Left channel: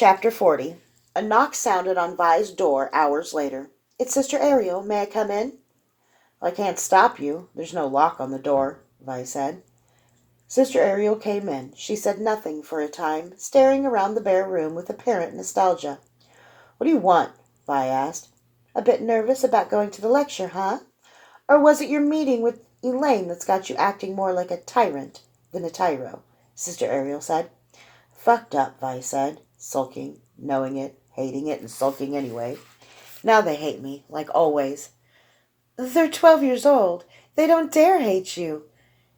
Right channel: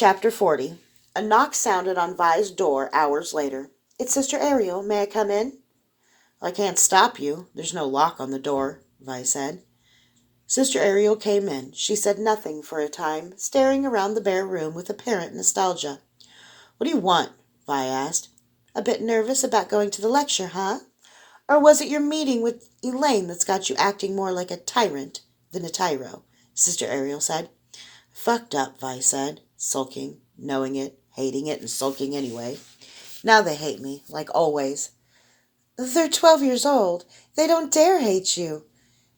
Chapter 40. A knock sounded on Vi's door hours later. "It's Sister Ariel. May I come in?" "I can't stop you. There's no lock on the door," Vi said. Sister Ariel came in. She said nothing for a time, staring around the bare room with apparent nostalgia. "What do you want?" Vi asked. "A bit nervous about going to the lecture, huh? Or was it your meeting with Elaine that's got you acting more like a tyrant than a tyro?" Sister Ariel said. "Fucked up," Vi said, sulking, knowing it, hating it, and sulking anyway. "Now they hate me, like always." "They're 12 years old. They don't dare hate you."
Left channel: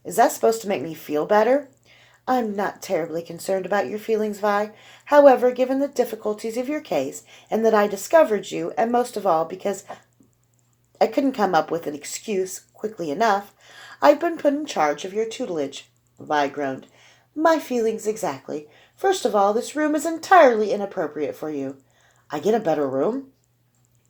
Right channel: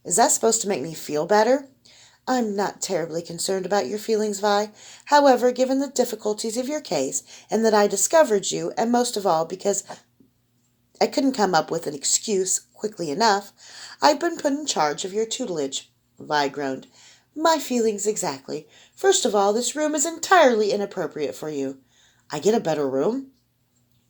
"Is that supposed to make me feel better?" "I'm not terribly concerned about your feelings, Vi. However, given the difficulties of your case, and that I discovered you, and most of all because I couldn't come up with an excuse quickly enough, I've been put in charge of your tutelage." Vi groaned. "My feelings exactly. First of all, this room is entirely inappropriate for you." "I get a better room?"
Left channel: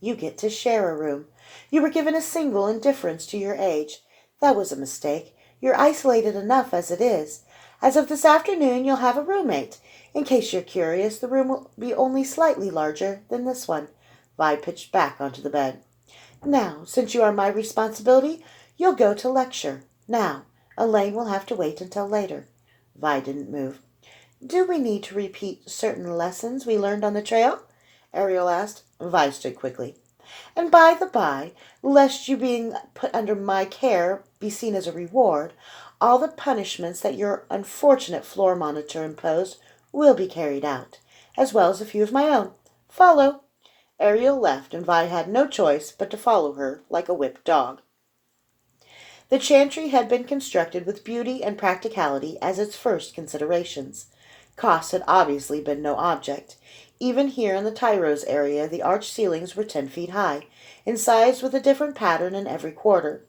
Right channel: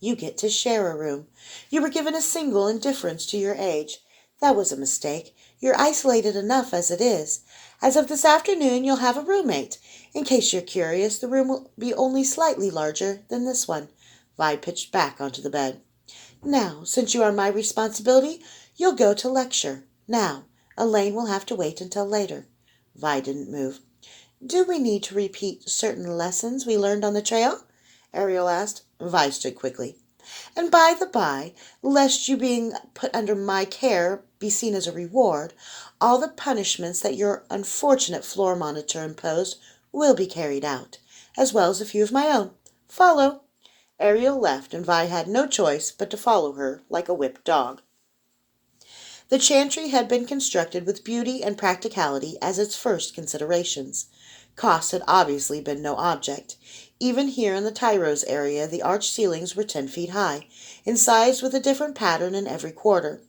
"You get to share a room. You were given a single in deference to your age. That was a mistake. You're isolated enough as it is. As of this afternoon, you'll have a roommate. In case you're curious, the room will be only slightly larger than this one." Vi pitched back onto the bed. "Now, since you are my responsibility, you'll go to lecture. Now, Elaine will have to wait until later." Vi didn't move. "Do we need to repeat certain lessons we learned on the trail?" Ariel asked. Vi stood quickly. "And by the by, lest you being put under my care be seen as a reward, all the punishments that your unfortunate floor monitor imposed will be carried out, as well as a few of my own. Follow." Ariel left, and Vi had no choice but to follow her like a whipped dog. The chantry had been constructed with beauty and practicality as its first considerations. Cost had obviously been no object. Even here in the Tyros area, the arched ceilings were 10 feet high, incised with a different pattern in every quarter.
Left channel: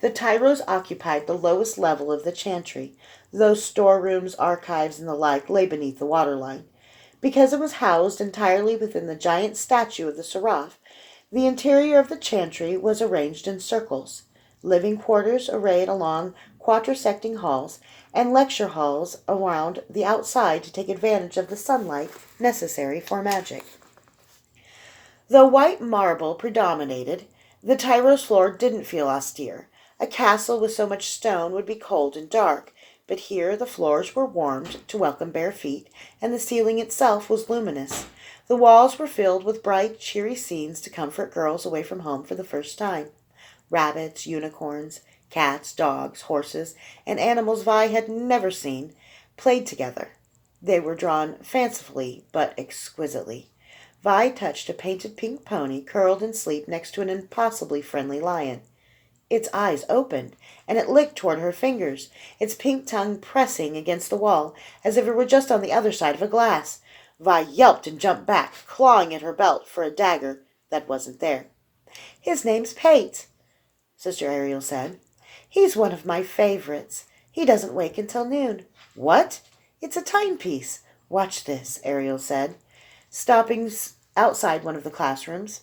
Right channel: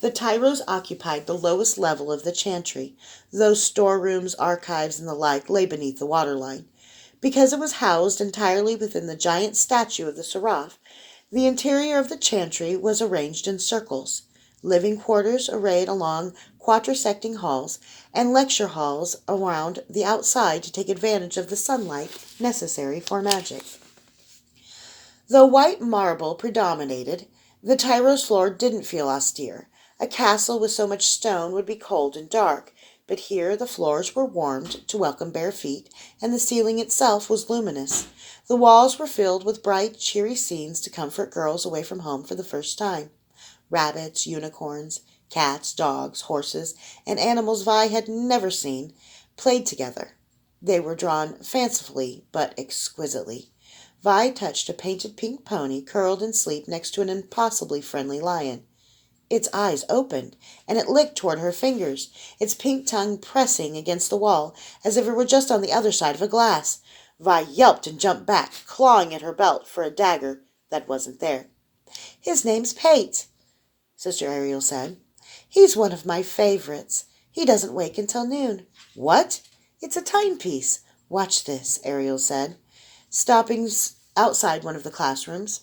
The Tyros occupied the lowest level of the chantry. Those storerooms, archives, and the like lay beneath the waterline. Because it was housed entirely within the giant statue of the Seraph, the interior of the chantry was arranged in circles. Living quarters arrayed along quatrisecting halls, and lecture halls around the outside to take advantage of the sunlight necessary for magic. Though white marble predominated, the Tyros floor didn't feel austere. A castle with so much stone would be cold and dark, but here the floors were warmed to welcome bare feet, and the ceiling itself was luminous. The walls were filled with bright, cheery scenes to comfort girls away from home for the first time. Rabbits, unicorns, cats, dogs, horses, and animals Vi had never seen played together. They were drawn fancifully but exquisitely. Vi touched a painted pink pony curled in sleep next to an impossibly friendly lion. Its eyes opened, and it licked toward her fingers, its pink tongue pressing against the wall, as if it were just on the other side of a glass. Vi yelped and jumped back, clawing at her belt for a dagger that wasn't there. "His name's Pate," Sister Ariel said. "He's one of my favorites. He doesn't wake until noon." "What?" "It's a timepiece. Watch this," Ariel said, stopping outside one of the classrooms.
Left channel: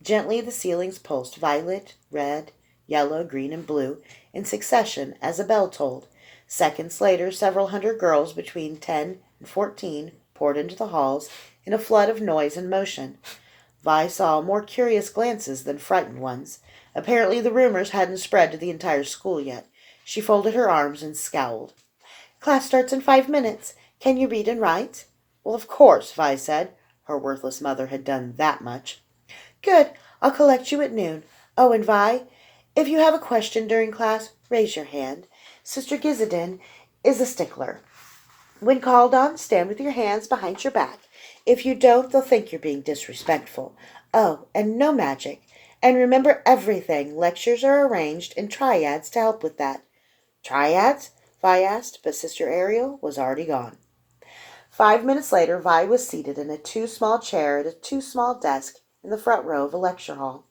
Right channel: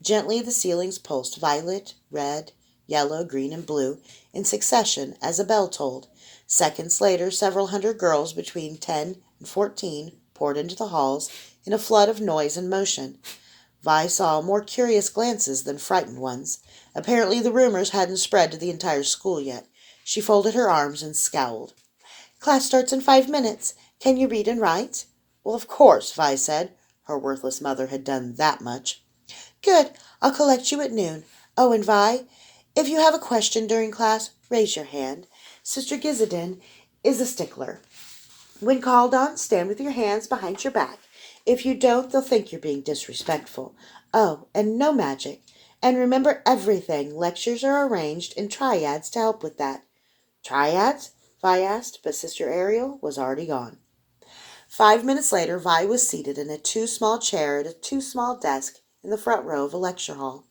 Gently the ceilings pulsed violet, red, yellow, green, and blue in succession as a bell tolled. Seconds later, several hundred girls between 10 and 14 poured into the halls in a flood of noise and motion. Vi saw more curious glances than frightened ones. Apparently the rumors hadn't spread to the entire school yet. She folded her arms and scowled. "Class starts in 5 minutes. Can you read and write?" "Well, of course," Vi said. Her worthless mother had done that much. "Good. I'll collect you at noon. Oh, and Vi, if you have a question during class, raise your hand. Sister Gizadin is a stickler. When called on, stand with your hands behind your back. If you don't, they'll think you're being disrespectful. Oh, and no magic. And remember everything. Lectures are arranged in triads to help with that." "Triads?" Vi asked, but Sister Ariel was already gone. 5 minutes later, Vi was seated in a too-small chair at a too-small desk in the front row of a lecture hall.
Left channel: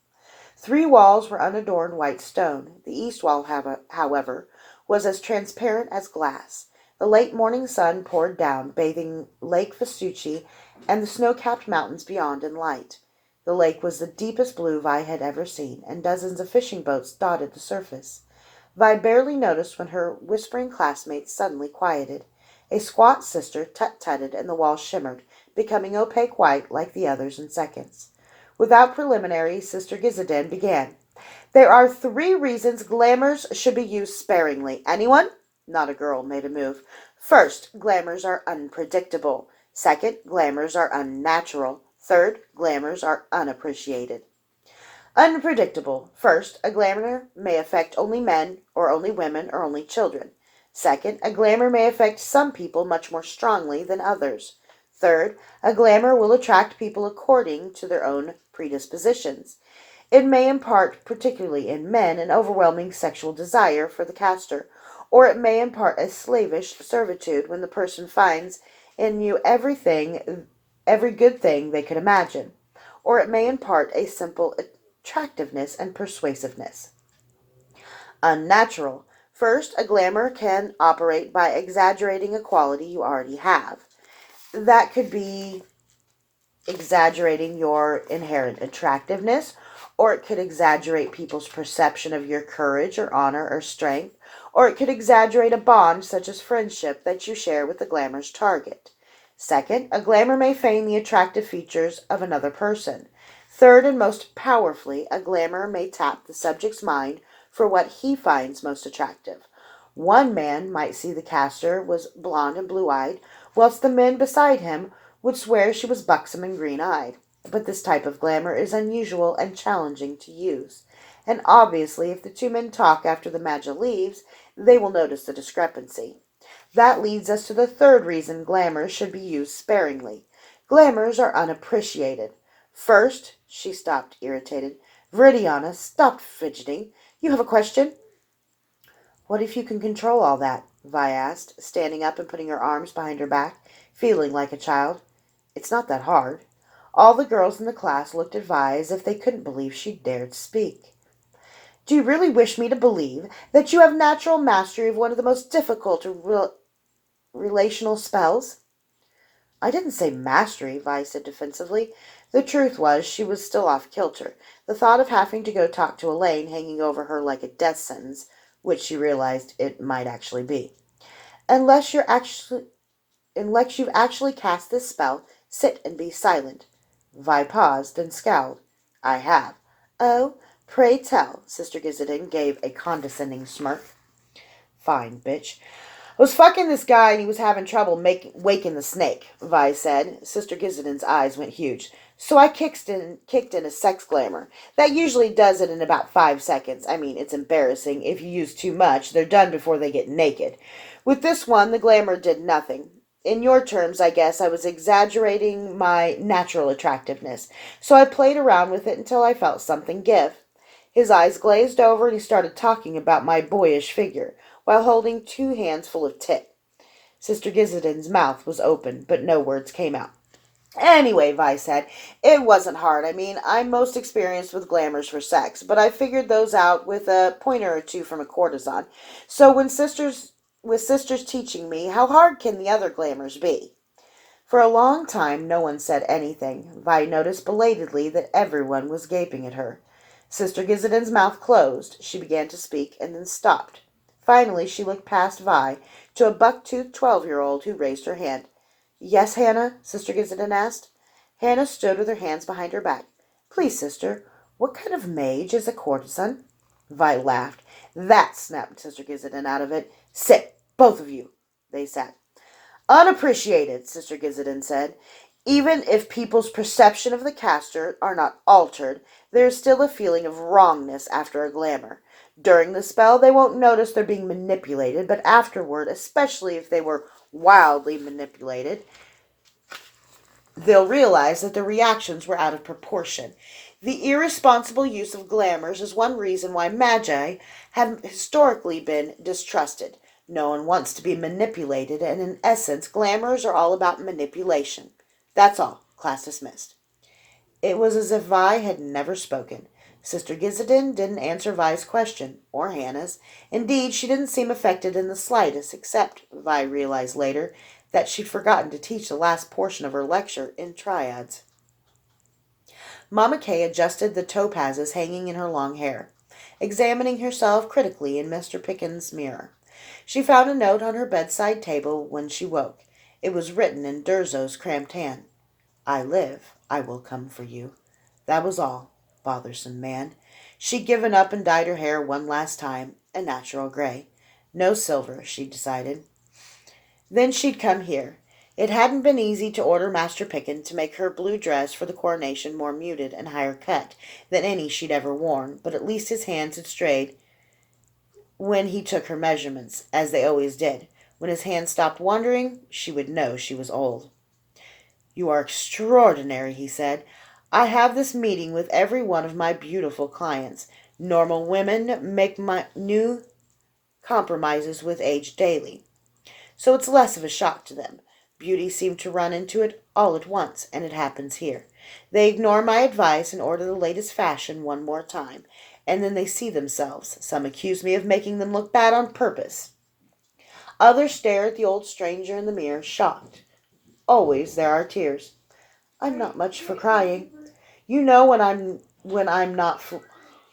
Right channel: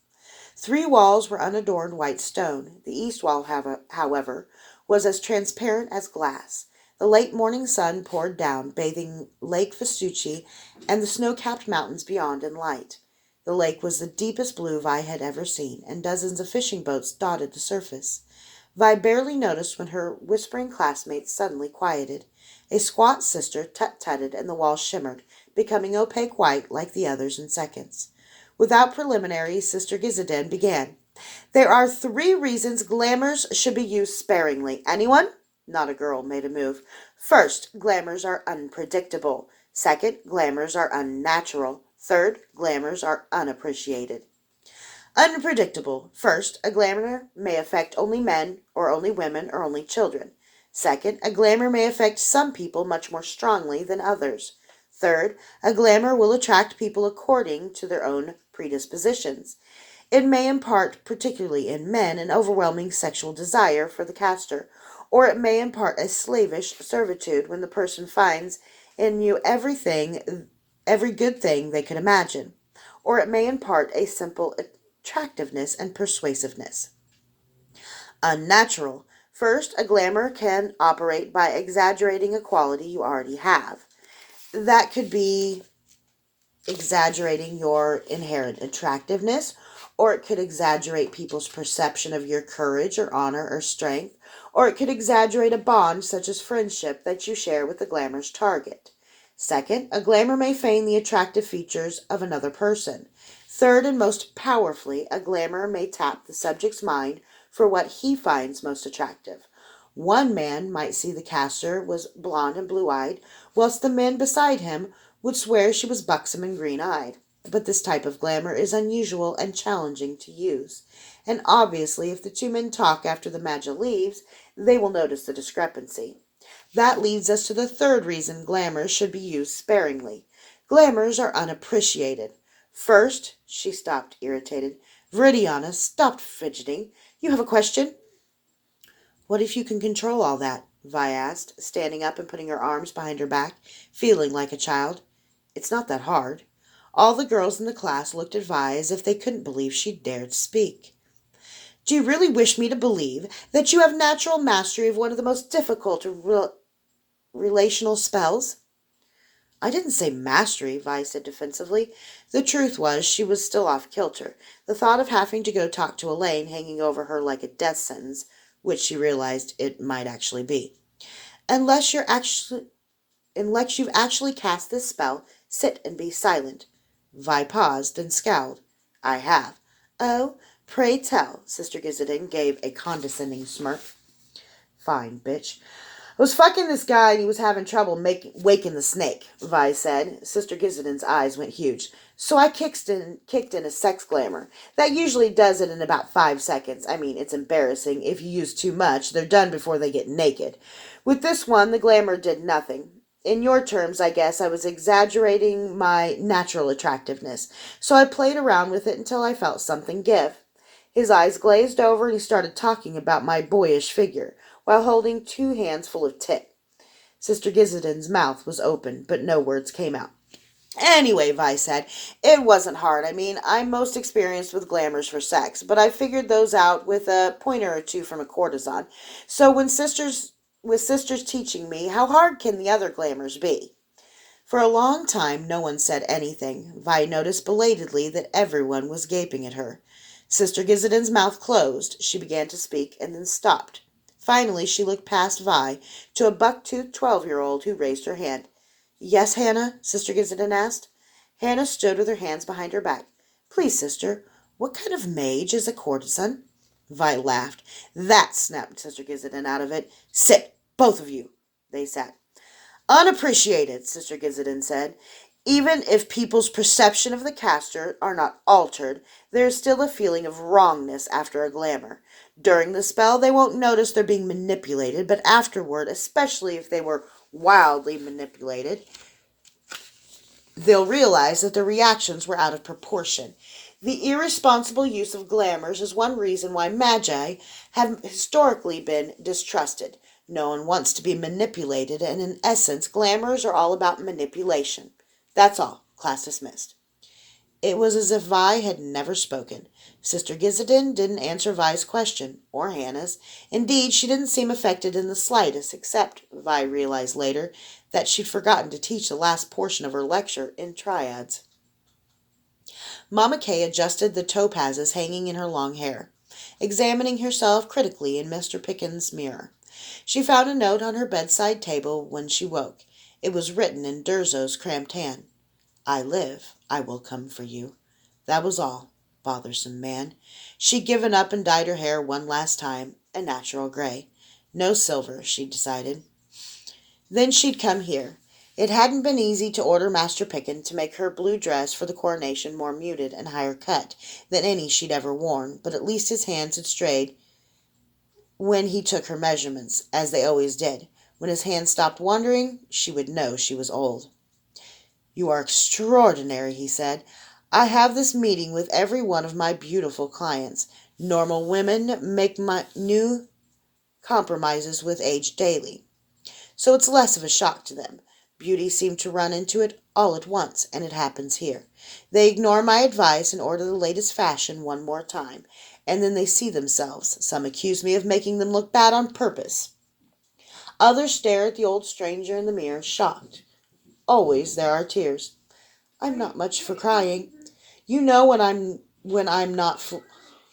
3 walls were unadorned white stone. The east wall, however, was as transparent as glass. The late morning sun poured down, bathing Lake Vespucci and the snow-capped mountains beyond in light. The lake was the deepest blue Vi had ever seen, and dozens of fishing boats dotted the surface. Vi barely noticed when her whispering classmates suddenly quieted. A squat sister tut-tutted and the wall shimmered, becoming opaque white like the others in seconds. Without preliminary, Sister Gizadin began. There are 3 reasons glamours should be used sparingly. Anyone? Not a girl made a move. First, glamours are unpredictable. Second, glamours are unnatural. Third, glamours are unappreciated. Unpredictable. First, a glamour may affect only men, or only women, or only children. Second, a glamour may affect some people much more strongly than others. Third, a glamour will attract people according to their own predispositions. It may impart, particularly in men, an overwhelming sexual desire for the caster, or it may impart a slavish servitude when the person finds in you every good thing they could imagine, or it may impart a simple attractiveness and persuasiveness. Unnatural. First, a glamour can operate by exaggerating a quality you already have. That could be exaggerating your inherent attractiveness, or it could exaggerate people's perception of your courage or honor or strength, or it could exaggerate a bond such as friendship that you share with the glamour's target. Second, a glamour may feign the attractive features of another person. Third, and most powerfully, a glamour may tap the subject's mind for what he finds most attractive. One man might see the caster was blonde and blue-eyed, whilst the men beside him would swear she was buxom and green-eyed. But this type of glamour is unusual and challenging to use. And obviously, if the 2 men talk after the Magi leaves, they will notice the discrepancy. That leads us to the 3rd reason glamours should be used sparingly. Glamours are unappreciated. First, she stopped, irritated. Viridiana stopped fidgeting. You have a question? What if you can control all that? Vi asked, standing up and putting her arms behind her back, feeling like a child. It's not that hard. All the girls in the class looked at Vi as if they couldn't believe she dared speak. Do you really wish me to believe that you have natural mastery of one of the most difficult relational spells? I didn't say mastery, Vi said defensively. The truth was she was still off kilter. The thought of having to go talk to Elaine hanging over her like a death sentence, which she realized it might actually be. Unless you've actually cast this spell, sit and be silent. Vi paused, then scowled. I have. Oh, pray tell, Sister Gizadin gave a condescending smirk. Fine, bitch. I was fucking this guy and he was having trouble waking the snake, Vi said. Sister Gizadin's eyes went huge. So I kicked in a sex glamour. That usually does it in about 5 seconds. I mean, it's embarrassing. If you use too much, they're done before they get naked. With this one, the glamour did nothing. In your terms, I guess I was exaggerating my natural attractiveness. So I played around with it until I felt something give. His eyes glazed over and he started talking about my boyish figure, while holding 2 hands full of tit. Sister Gizadin's mouth was open, but no words came out. Anyway, Vi said, it wasn't hard. I mean, I'm most experienced with glamours for sex, but I figured those out with a pointer or 2 from a courtesan. So with sisters teaching me, how hard can the other glamours be? For a long time, no one said anything. Vi noticed belatedly that everyone was gaping at her. Sister Gizadin's mouth closed. She began to speak and then stopped. Finally, she looked past Vi to a buck-toothed 12-year-old who raised her hand. Yes, Hannah? Sister Gizadin asked. Hannah stood with her hands behind her back. Please, sister, what kind of mage is a courtesan? Vi laughed. That, snapped Sister Gizadin out of it. Sit, both of you. They sat. Unappreciated, Sister Gizadin said. Even if people's perception of the caster are not altered, there is still a feeling of wrongness after a glamour. During the spell, they won't notice they're being manipulated, but afterward, especially if they were wildly manipulated, they'll realize that their reactions were out of proportion. The irresponsible use of glamours is one reason why magi have historically been distrusted. No one wants to be manipulated, and in essence, glamours are all about manipulation. That's all. Class dismissed. It was as if Vi had never spoken. Sister Gizadin didn't answer Vi's question, or Hannah's. Indeed, she didn't seem affected in the slightest, except, Vi realized later, that she'd forgotten to teach the last portion of her lecture in triads. Mama Kay adjusted the topazes hanging in her long hair, examining herself critically in Mr. Pickens' mirror. She found a note on her bedside table when she woke. It was written in Durzo's cramped hand. I live, I will come for you. That was all, bothersome man. She'd given up and dyed her hair one last time, a natural gray. No silver, she decided. Then she'd come here. It hadn't been easy to order Master Picken to make her blue dress for the coronation more muted and higher cut than any she'd ever worn, but at least his hands had strayed when he took her measurements, as they always did. When his hands stopped wandering, she would know she was old. You are extraordinary, he said. I have this meeting with every one of my beautiful clients. Normal women make my new compromises with age daily, so it's less of a shock to them. Beauty seemed to run into it all at once, and it happens here. They ignore my advice and order the latest fashion one more time, and then they see themselves. Some accuse me of making them look bad on purpose. Others stare at the old stranger in the mirror, shocked. Always there are tears. I'm not much for crying. You know when I'm not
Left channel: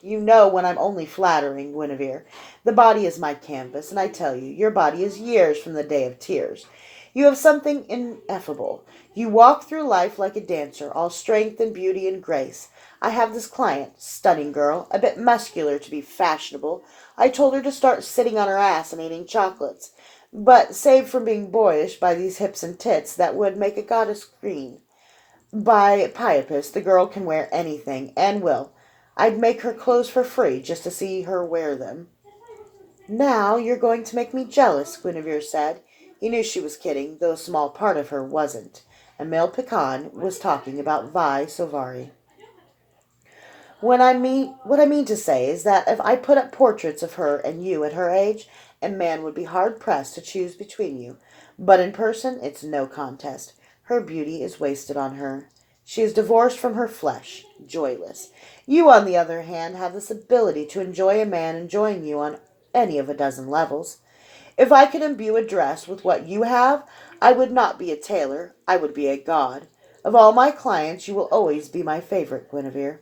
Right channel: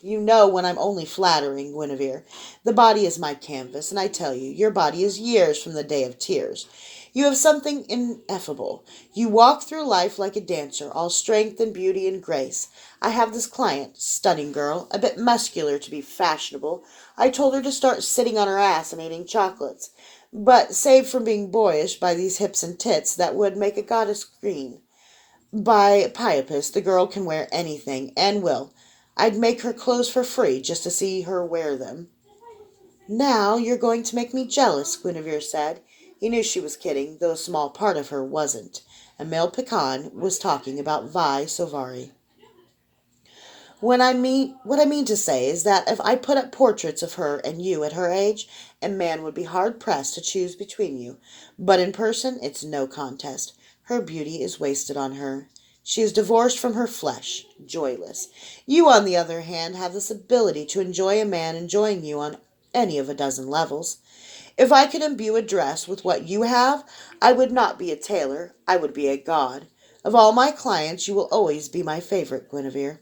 you know when I'm only flattering, Guinevere. The body is my canvas, and I tell you, your body is years from the day of tears. You have something ineffable. You walk through life like a dancer, all strength and beauty and grace. I have this client, stunning girl, a bit muscular to be fashionable. I told her to start sitting on her ass and eating chocolates. But saved from being boyish by these hips and tits, that would make a goddess green. By Priapus, the girl can wear anything, and will. I'd make her clothes for free just to see her wear them. Now you're going to make me jealous, Guinevere said. He knew she was kidding, though a small part of her wasn't. A male pecan was talking about Vi Sovari. What I mean to say is that if I put up portraits of her and you at her age, a man would be hard pressed to choose between you. But in person, it's no contest. Her beauty is wasted on her. She is divorced from her flesh, joyless. You, on the other hand, have this ability to enjoy a man enjoying you on any of a dozen levels. If I could imbue a dress with what you have, I would not be a tailor, I would be a god. Of all my clients, you will always be my favorite, Guinevere.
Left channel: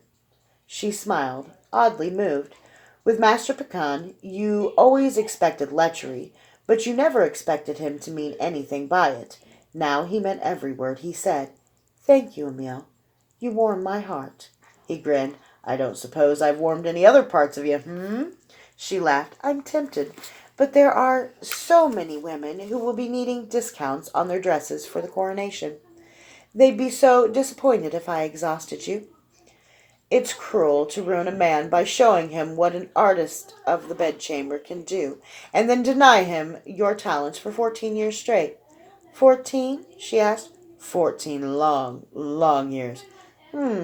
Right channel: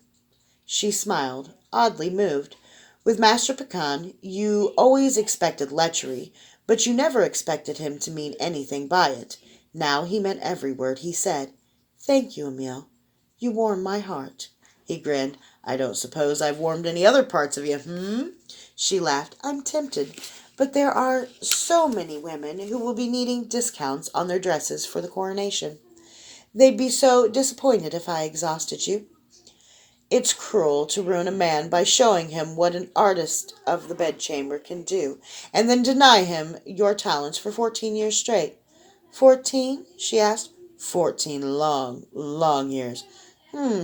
She smiled, oddly moved. With Master Pecan, you always expected lechery, but you never expected him to mean anything by it. Now he meant every word he said. Thank you, Emile. You warm my heart. He grinned. I don't suppose I've warmed any other parts of you, She laughed. I'm tempted, but there are so many women who will be needing discounts on their dresses for the coronation. They'd be so disappointed if I exhausted you. It's cruel to ruin a man by showing him what an artist of the bedchamber can do, and then deny him your talents for 14 years straight. 14? She asked. 14 long, long years.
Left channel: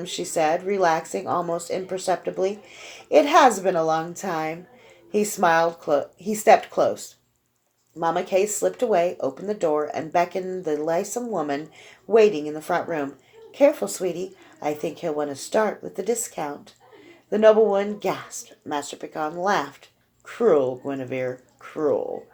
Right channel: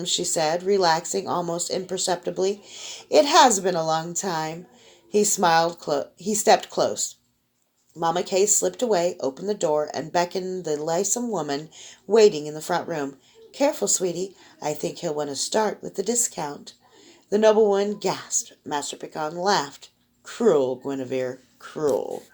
She said, relaxing almost imperceptibly. It has been a long time. He smiled. He stepped close. Mama Kay slipped away, opened the door, and beckoned the lissome woman waiting in the front room. Careful, sweetie. I think he'll want to start with the discount. The noblewoman gasped. Master Pecan laughed. Cruel, Guinevere, cruel.